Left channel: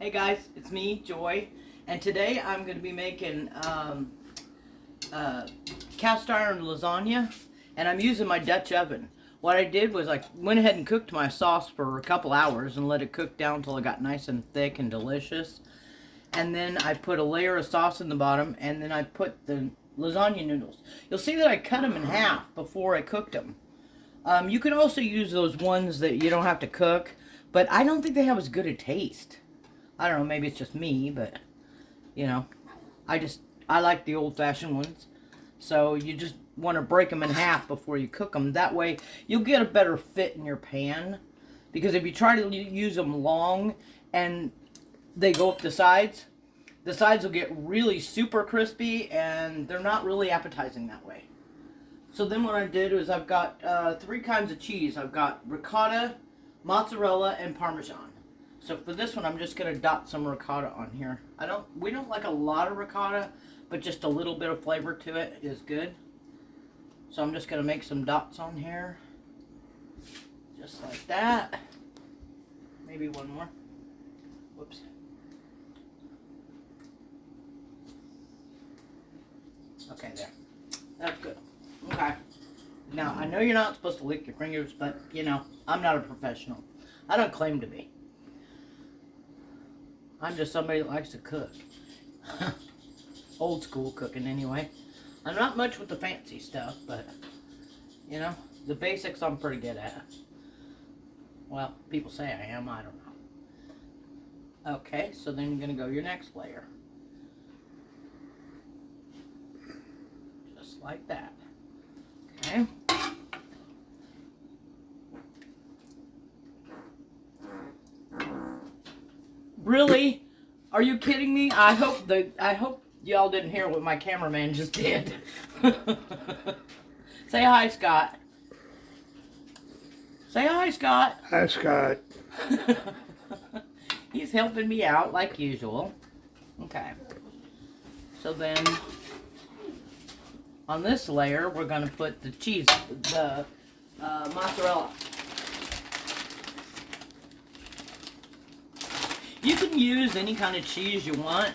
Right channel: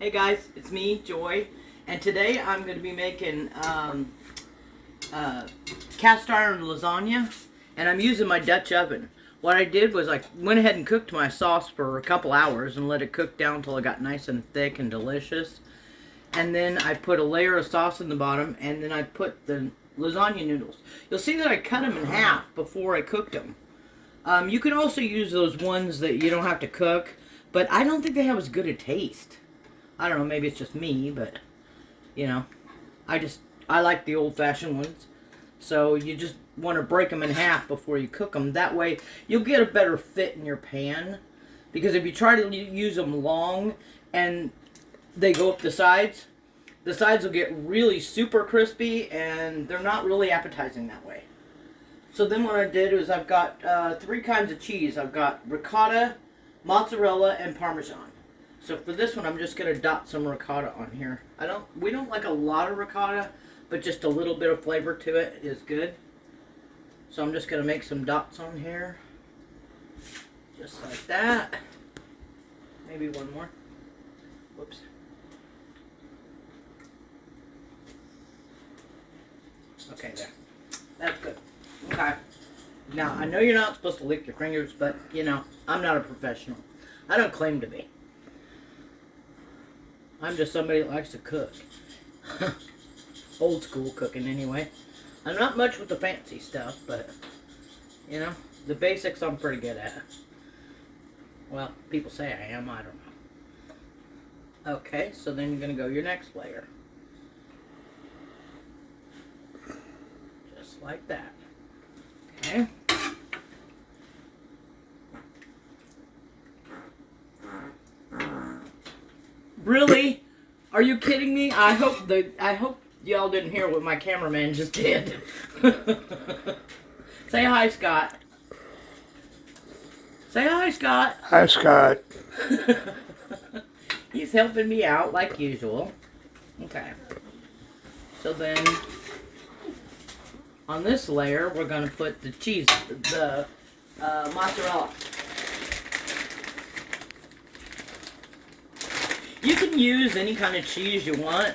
Hey guys, it's me, Joy, and today I'm going to be making cast iron lasagna, and I'm using my Dutch oven. What I did was I went ahead and cooked my sauce for a couple hours and let it cook down until it got nice and thick and delicious. And then I put a layer of sauce in the bottom, and then I put the lasagna noodles. You'll see that I cut them in half before I cooked them. You can also use those ones that you don't have to cook, but I don't think they have as good a taste. I don't know, maybe it's just me, but, you know, I like the old-fashioned ones. So you just want to break them in half before you cook them. That way, you'll get a better fit in your pan. Because if you try to use them long and they go up the sides will get really super crispy and they're not really appetizing that way. So then what I did was I've got 3 kinds of cheese. I've got ricotta, mozzarella, and Parmesan. So for this one, I'm just going to dot some ricotta on here. We don't like a lot of ricotta, but just a little bit of flavor to it is good. So I'm just going to make some dots on here. Just like that. Maybe one more. Whoops. Okay, there. That's good. Okay. Now, I know you're not supposed to lick your fingers, but, you know, I'm not a professional. I don't claim to be. I'm just somebody that likes to cook. Old school cooking, anyway. I'm not much with the fancy stuff, but, you know, the basics I'm pretty good at. Well, people say I am, I don't know. Okay, so then you're going to go your next layer. Just like that. Okay. Really? Are you kidding me? I hope y'all didn't hear what my cameraman just did. Say hi, Scott. Say hi, Scott. Hi, Scott. He's helping me out like usual. Okay. So then, on this layer, we're going to put the cheese, the mozzarella. You can use any kind of cheese you want,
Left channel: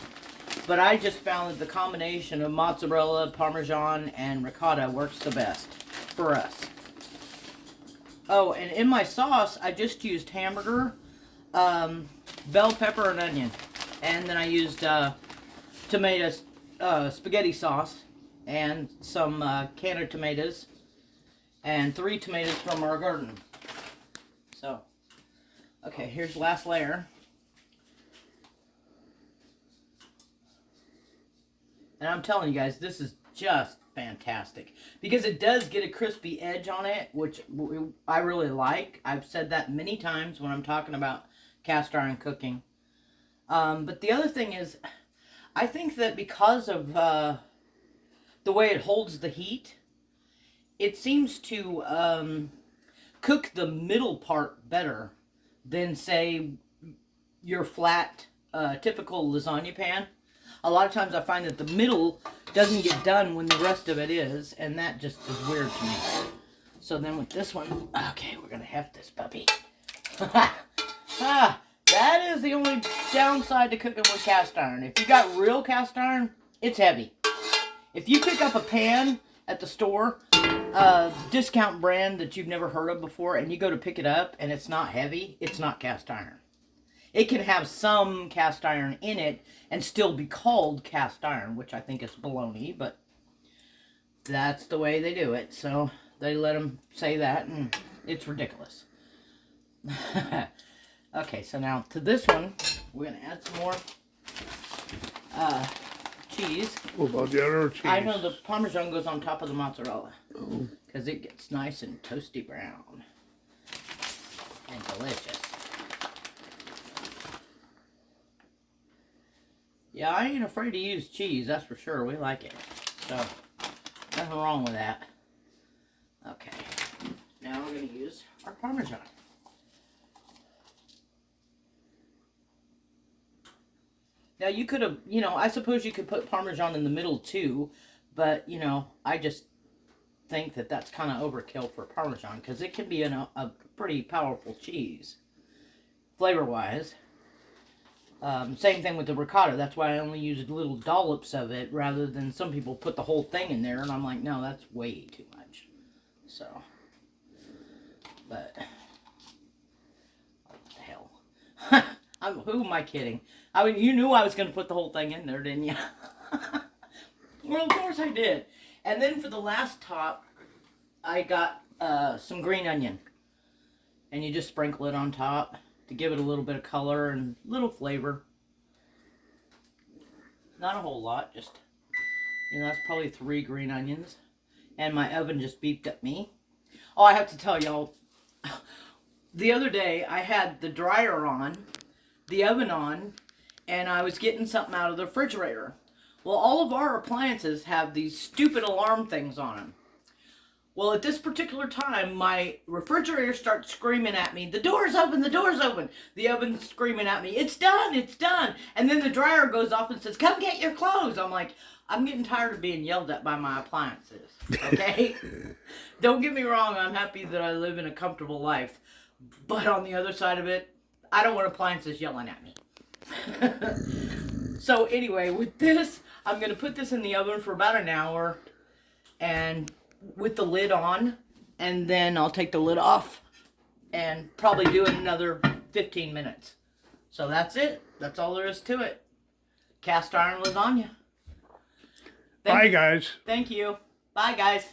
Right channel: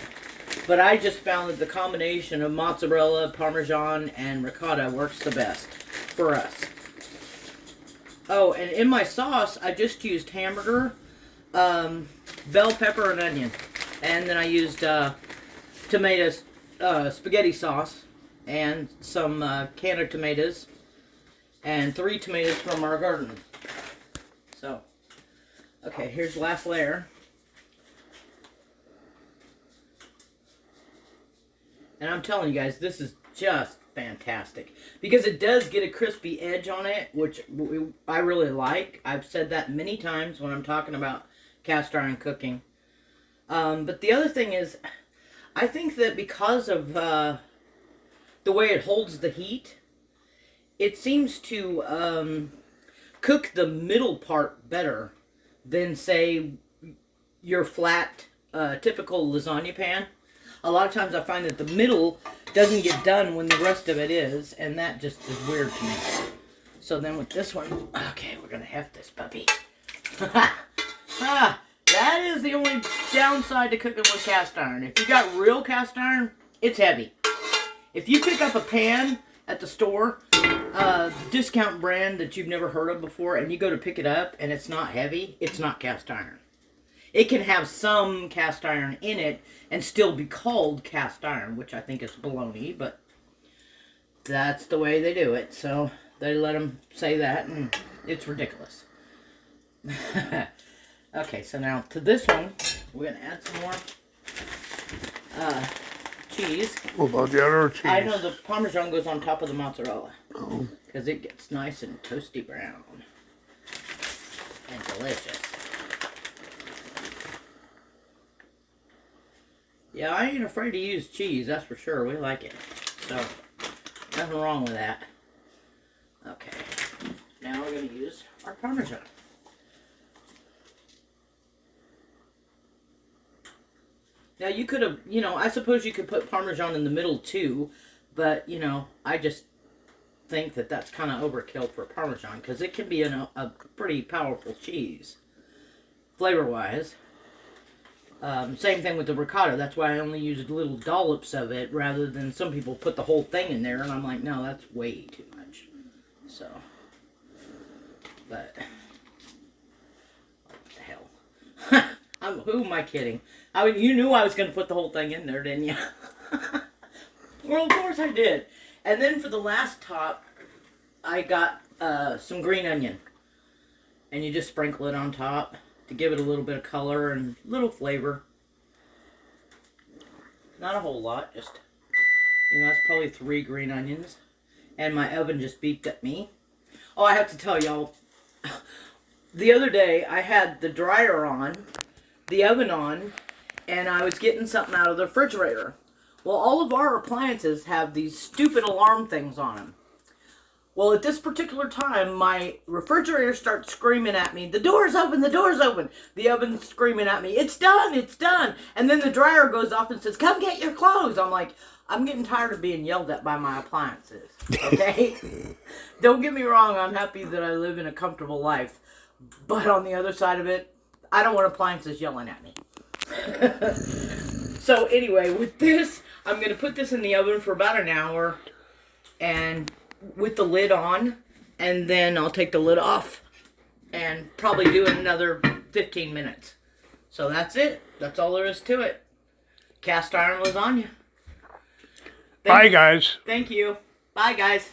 but I just found that the combination of mozzarella, Parmesan, and ricotta works the best for us. Oh, and in my sauce, I just used hamburger, bell pepper, and onion. And then I used tomatoes, spaghetti sauce, and some can of tomatoes, and 3 tomatoes from our garden. So, okay, here's the last layer. And I'm telling you guys, this is just fantastic. Because it does get a crispy edge on it, which I really like. I've said that many times when I'm talking about cast iron cooking. But the other thing is, I think that because of the way it holds the heat, it seems to cook the middle part better than, say, your flat, typical lasagna pan. A lot of times I find that the middle doesn't get done when the rest of it is, and that just is weird to me. So then with this one, okay, we're going to heft this puppy. That is the only downside to cooking with cast iron. If you got real cast iron, it's heavy. If you pick up a pan at the store, discount brand that you've never heard of before, and you go to pick it up and it's not heavy, it's not cast iron. It can have some cast iron in it and still be called cast iron, which I think is baloney, but that's the way they do it. So they let them say that, and it's ridiculous. Okay, so now to this one, we're going to add some more cheese. What about the other cheese? I know the Parmesan goes on top of the mozzarella. Oh. Because it gets nice and toasty brown. And delicious. Yeah, I ain't afraid to use cheese, that's for sure. We like it. So, nothing wrong with that. Okay. Now we're going to use our Parmesan. Now you could have, you know, I suppose you could put Parmesan in the middle too, but, you know, I just think that that's kind of overkill for Parmesan because it can be a pretty powerful cheese, flavor-wise. Same thing with the ricotta. That's why I only used little dollops of it rather than some people put the whole thing in there. And I'm like, no, that's way too much. So, but what the hell? Who am I kidding? I mean, you knew I was going to put the whole thing in there, didn't you? Well, of course I did. And then for the last top, I got some green onion. And you just sprinkle it on top to give it a little bit of color and a little flavor. Not a whole lot, just, that's probably 3 green onions. And my oven just beeped at me. Oh, I have to tell y'all, the other day I had the dryer on, the oven on, and I was getting something out of the refrigerator. Well, all of our appliances have these stupid alarm things on them. Well, at this particular time, my refrigerator starts screaming at me, the door's open, the door's open. The oven's screaming at me, it's done, it's done. And then the dryer goes off and says, come get your clothes. I'm like, I'm getting tired of being yelled at by my appliances, okay? Don't get me wrong, I'm happy that I live in a comfortable life. But on the other side of it, I don't want appliances yelling at me. So anyway, with this, I'm going to put this in the oven for about an hour. And with the lid on, and then I'll take the lid off and probably do it another 15 minutes. So that's it. That's all there is to it. Cast iron lasagna. Bye, guys. Thank you. Bye, guys.